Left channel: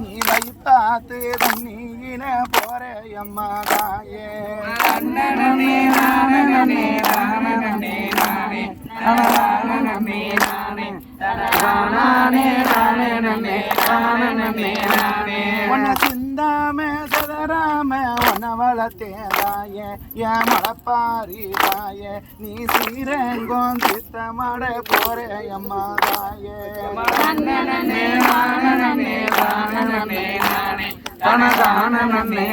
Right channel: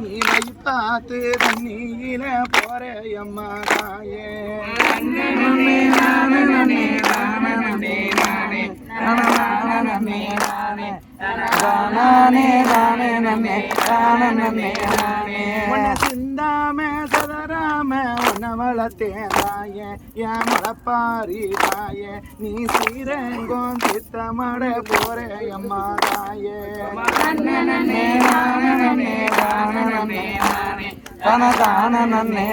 நீ வை பார்த்து தண்ணியில போறையம்மா தாயே நானே நானே நானே நானே நானே நானே நானே நானே நானே ಕುಲತೇನಾಯೆ ಯಾ ಮಳಪಾರಿದಾಯ ನೀ ಸೀರಂಗೊಂದ್ ಚಿತ್ತ ಮಾಡ ಪೋರೆ ಅಮ್ಮದಾಯೆ ದಾನ ದಾನ ನಾನೇ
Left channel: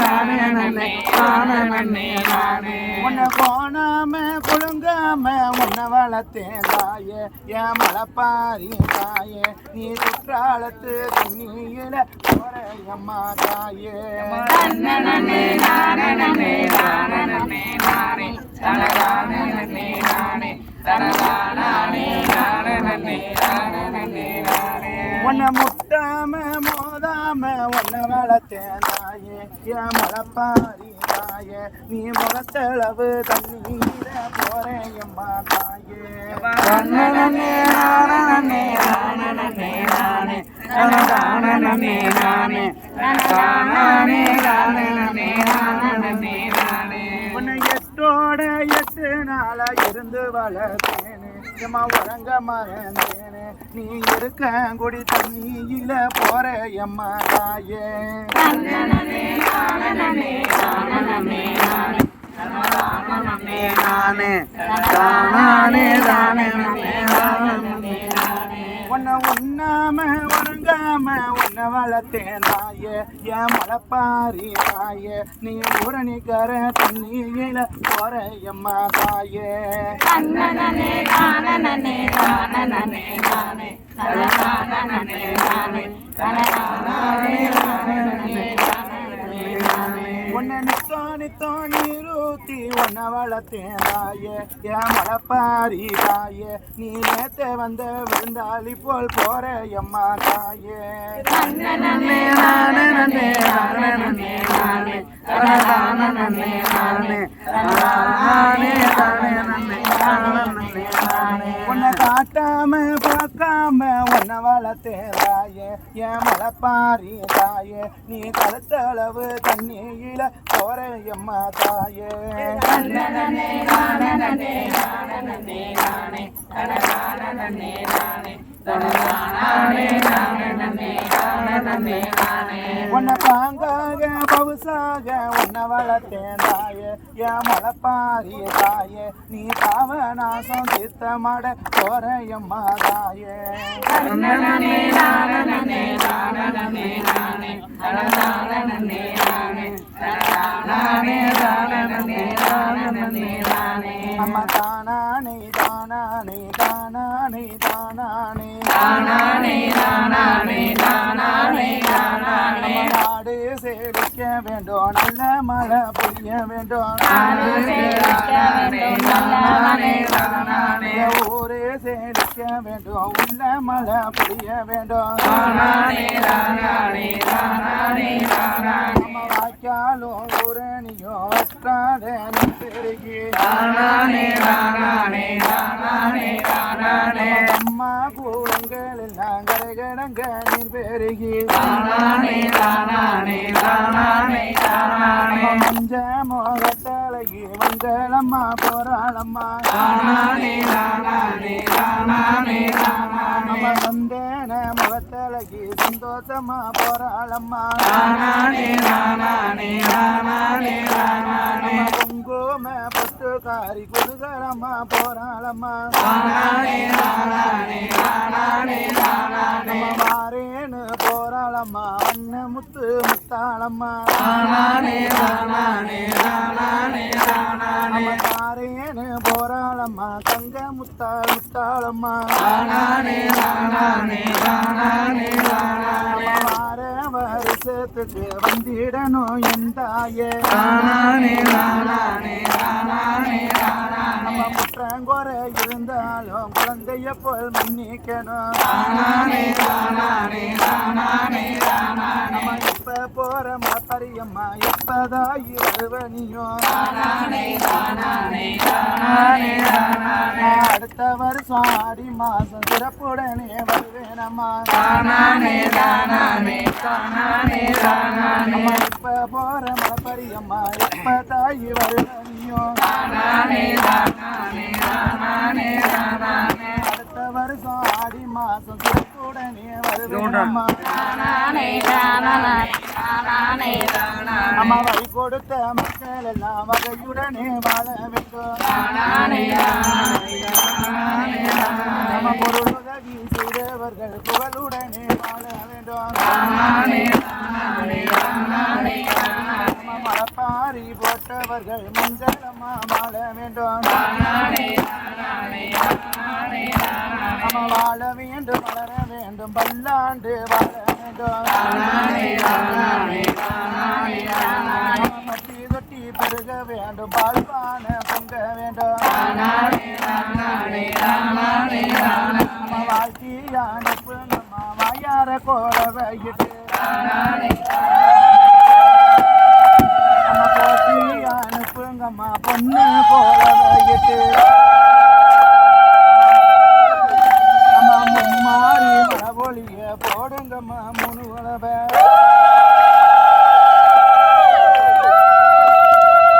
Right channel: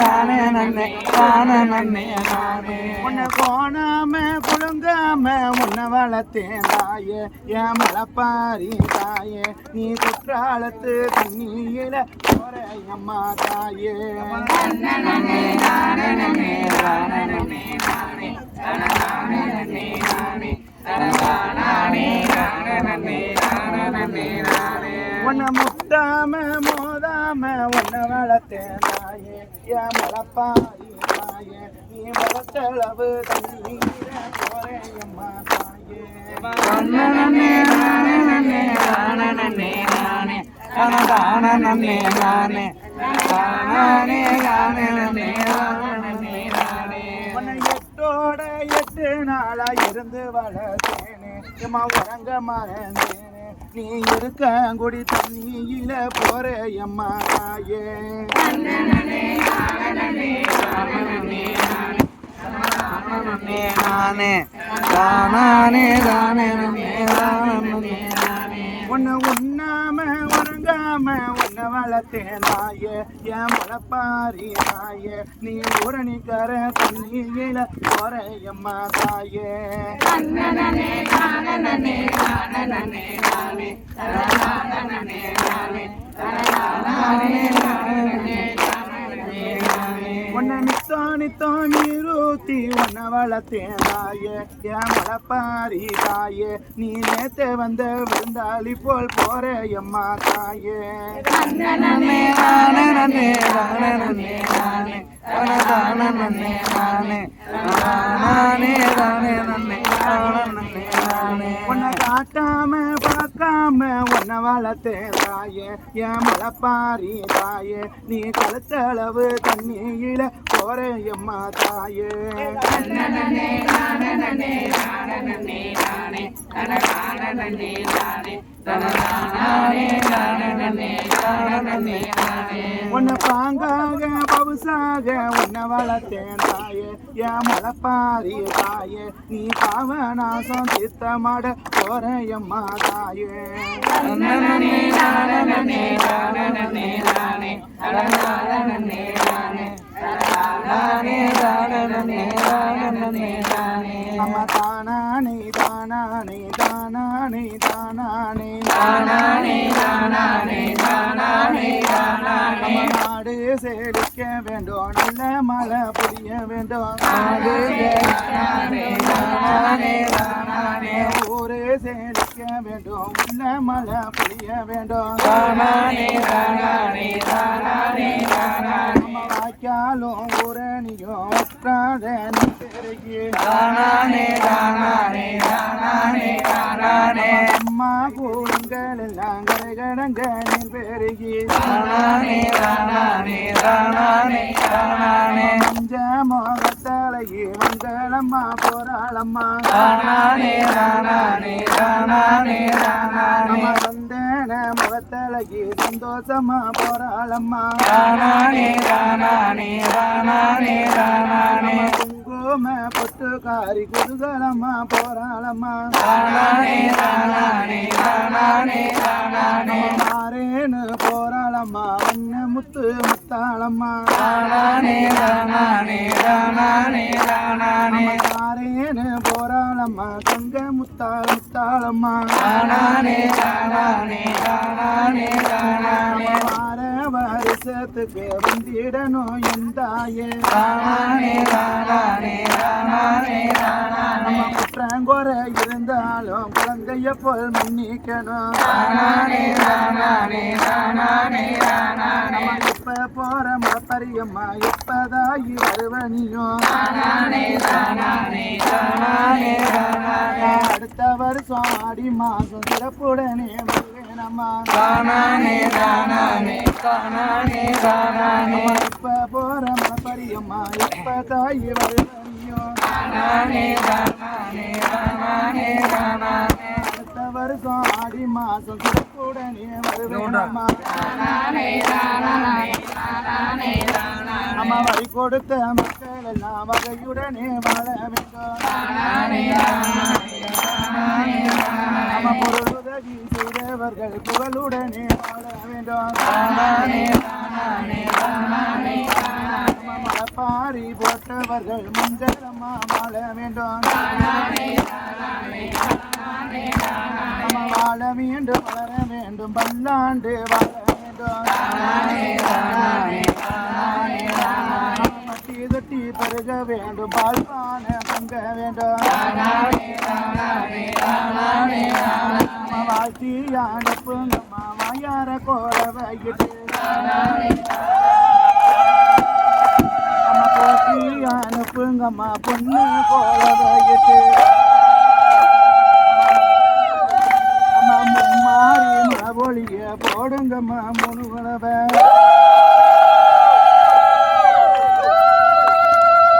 ದಾನ நன்னே நானே நன்னே நானே தானே நன்னே நானே உன்னை கோணாம குழுங்காம உன்னை வளர்த்தேன் தாயே என் மலப்பாரி தாயே. நீ குற்றாலத்து தண்ணியில போறையம்மா தாயே. நன்னே நானே நன்னே நானே நன்னே நானே. தானே நன்னே நானே. தானே நானே நன்னே தானே நன்னே நானே. உன்னை மழத்தேனாயே என் மலப்பாரி தாயே நீ முகத்தளவு தண்ணீர போறேன் எம்மா தாயே. நானே நானே நானே நானே நானே நானே உன்னோட எட்டு நாளா இருந்து வளர்த்தேனே. எம்மா உறங்க மறந்தேனே. நீ இருக்க கொடி தண்ணியில போற எம்மா தாயே. உன்னை உண்ணாம உறங்காம வளர்த்தே நாய என் மலப்பாரி நாய நீ ஊரணிக்கார தண்ணியில போற எம்மா தாய நானே நானே நானே நானே நானே நானே. கட்டி உன்ன வளர்த்தேனாயே என் மலப்பாரி தாயே. நீ நேத்த வந்த விருந்தாளி போல் போற எம்மா தாயே. உன்னை காட்டாம பார்க்காம உன்னை வளர்த்தேன் என் மலப்பாரி தாயே நீ கலத்தளவு தண்ணியில போறேன் எம்மா தாயே. உன்னை பாங்காக பவுசாக உன்னை வளர்த்தேன் தாயே. என் மலப்பாரி தாயே நீ பாவநாசம் சித்தமாட எம்மா தாயே. வேண்டும் நல்ல மழை பொழிய வேண்டும். வேண்டும். உன்ன மழை பொழிய வேண்டும். நம்ம வாய்க்காலும் ஊரணியும் வற்றாத பெருகி. அம்மா கூடுங்கள் எல்லாம் கரைகடங்க நீர் பெருகி. மஞ்ச ஆகி வந்தளம்மா போராளம்மா நானே நானே நானே நானே வந்தேன முகத்தழகி சந்தோஷமா போராளம்மா நானே நானே நானே நானே குங்கும பத்துக்காரி குதுகலம்மா போராளம்மா நானே மாறேனே போராளம்மா தங்க முத்தாள் முத்தாளம்மா. நானே நானே நானே நானே மாற வருஷத்துக்கு வந்திடணும் எந்தாயே நானே இருந்தாலும் குழந்தைய போல் மன்னிக்கணும். போற மாத்தரியம்மா எப்பதா இறைவனியோ. அடுத்த வருஷம் ஆடி மாசம் சிறப்புடனே வருவேனம்மா. இப்ப போற மலப்பரியம்மா இப்ப தாய் வருவனியோ அடுத்த வருஷம் ஆடி மாசம் சிறப்புடனே வருவேனம்மா. தானானே தானானே தானானே தானானே அம்மா வழி கொடுத்த மக்கள் எல்லாம் வகையுடனே வாழ வேண்டும். நம்ம பொருள் உதவி செய்தவர்கள் புகழுடனே வாழ வேண்டும். மரப்பாரி போட்டவர்கள் மஞ்சளம்மா வாழ வேண்டும். நம்ம வாழ வேண்டும் வளர வேண்டும் பல்லாண்டு வாழ வேண்டும். வாழ்த்தி அனுப்புங்கம்மா வாயார கோட வைகிட்டு தானானே நம்ம அனுப்புங்கம்மா பொண்ணு கோட வைகிட்டு